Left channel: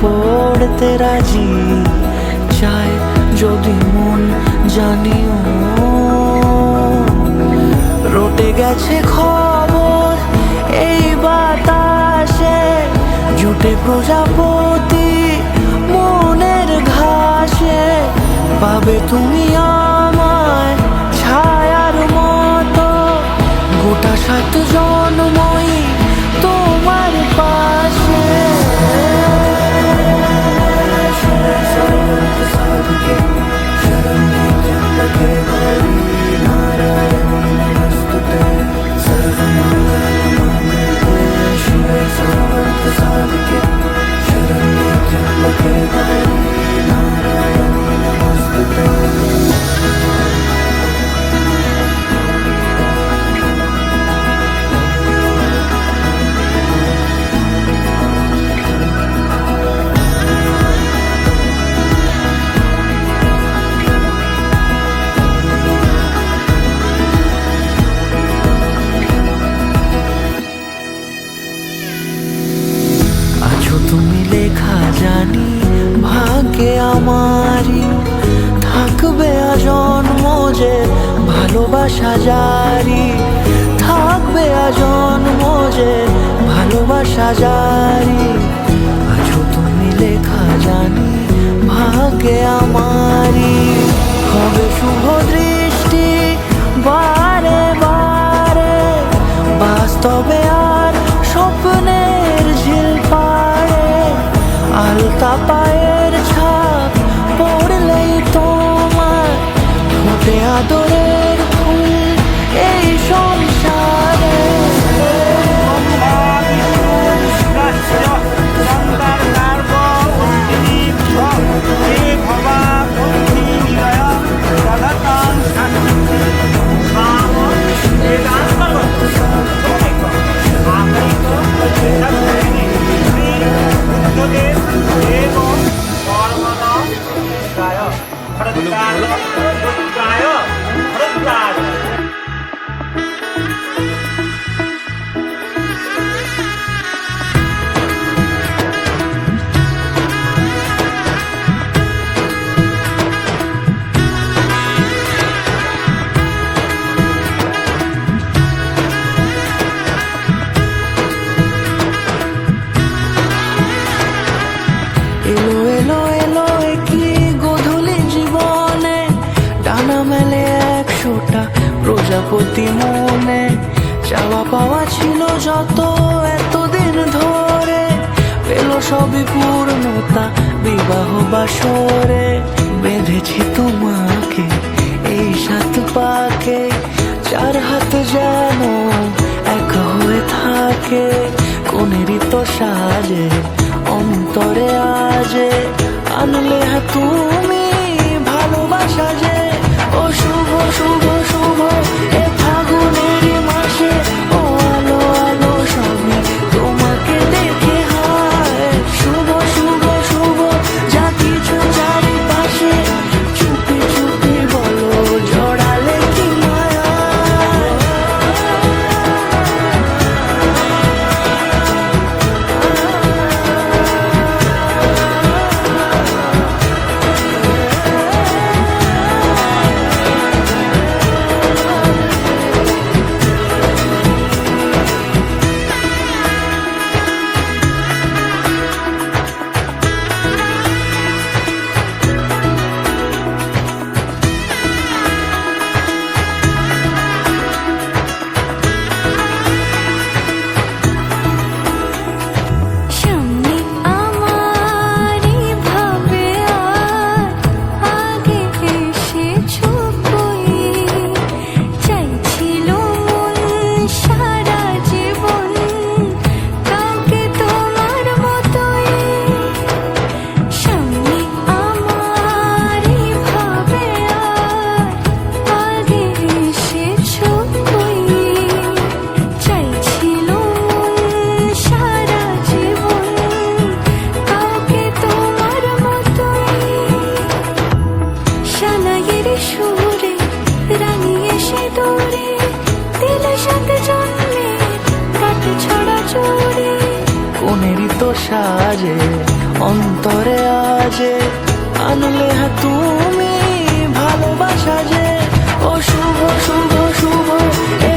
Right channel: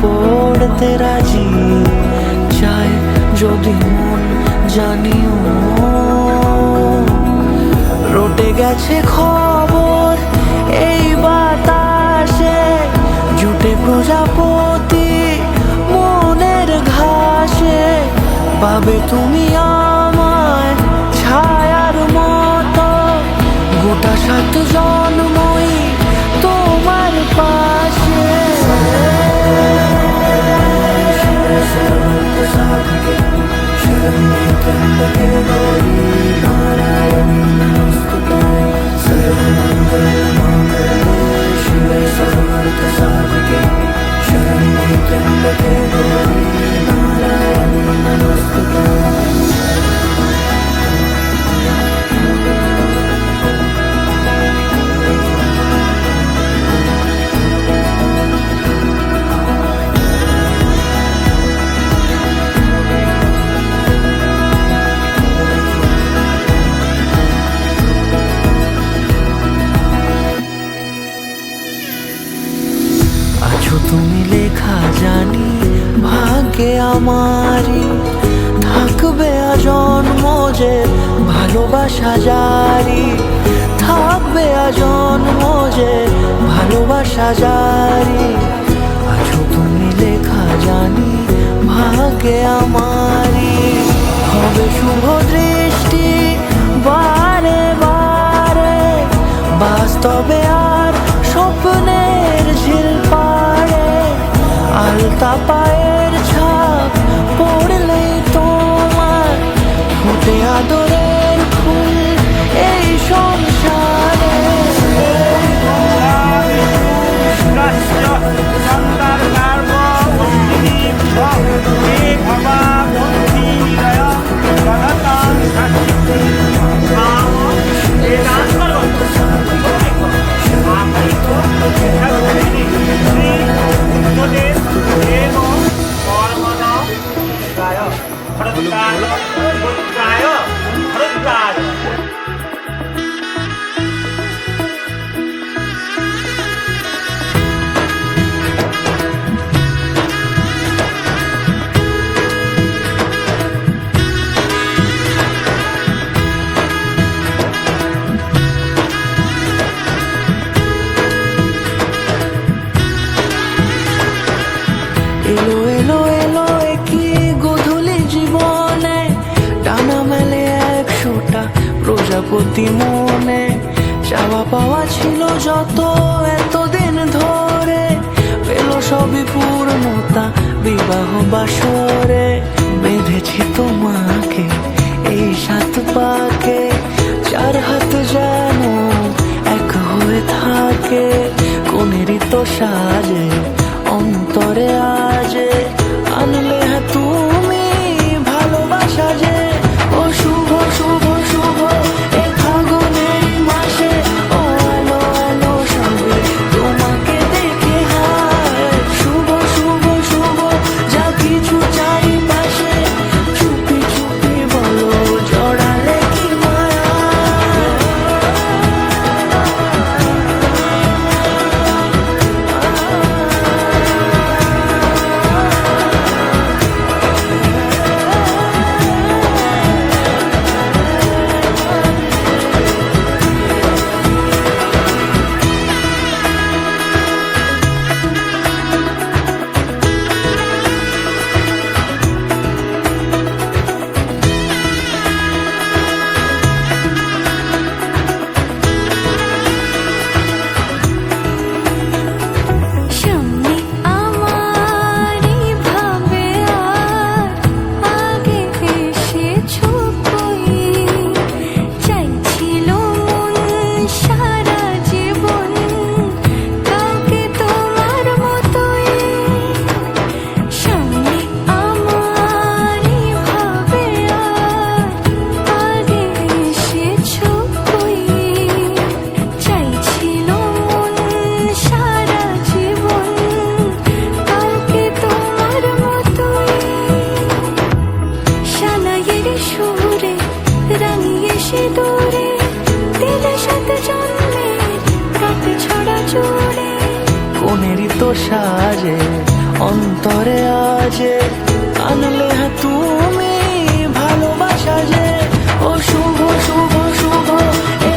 পড়তে রাজি, চায় যদি মন জানিও। রটে গেছে খবর এই বাতাসে, জুটে প্রজাপতি মনের ঘাসে। পাবে তুমি আমায় ছায়ার মতো, গোটা 7 জন্মই তোমার পাশে। আছো তুমি লেখা জানি ভাগ্যে আমারই, থাকবে আজন্ম যে ভালোবাসা জারি। থাকবে আজন্ম যে ভালোবাসা জারি। আছো তুমি লেখা জানি ভাগ্যে আমারই। হবে শুভ দৃষ্টি বারে বারে, বাস্তবে আর স্বপ্নের ঝিল পাড়ে। আলতা পায়ের ছাপ পড়লেই তোমার ফোটে আদরের ফুল এই সংসারে। এলো এলো এলো কি গধূলি জীবনে, ডানা মেলে 100টা প্রজাপতি মনে। চাওয়া পাওয়া ছিল যত এতদিন ধরে, পেল সবই পূর্ণতা বিবাহ বাসরে। বেঁধেছি তোমাকে এই 7 পাকে, 4 হাত যেন এক হয়ে থাকে। কোনেরই তো সাজে অন্তরে আজে, আনলে তুমি ভালোবাসা যে। ও শুভ শুভ শুভ এ ফাগুনের মাসে, ও আলো আলো সবই তোমাকে দেখে হায়। শুভ শুভ শুভ যা কিছু চারিপাশে, চুপি চুপি বলো জড়ালে কি মায়া। এত সাজে অন্তরে আজে আনলে হ্যাঁ তুমি ভালোবাসা যে ও শুভ শুভ শুভ এ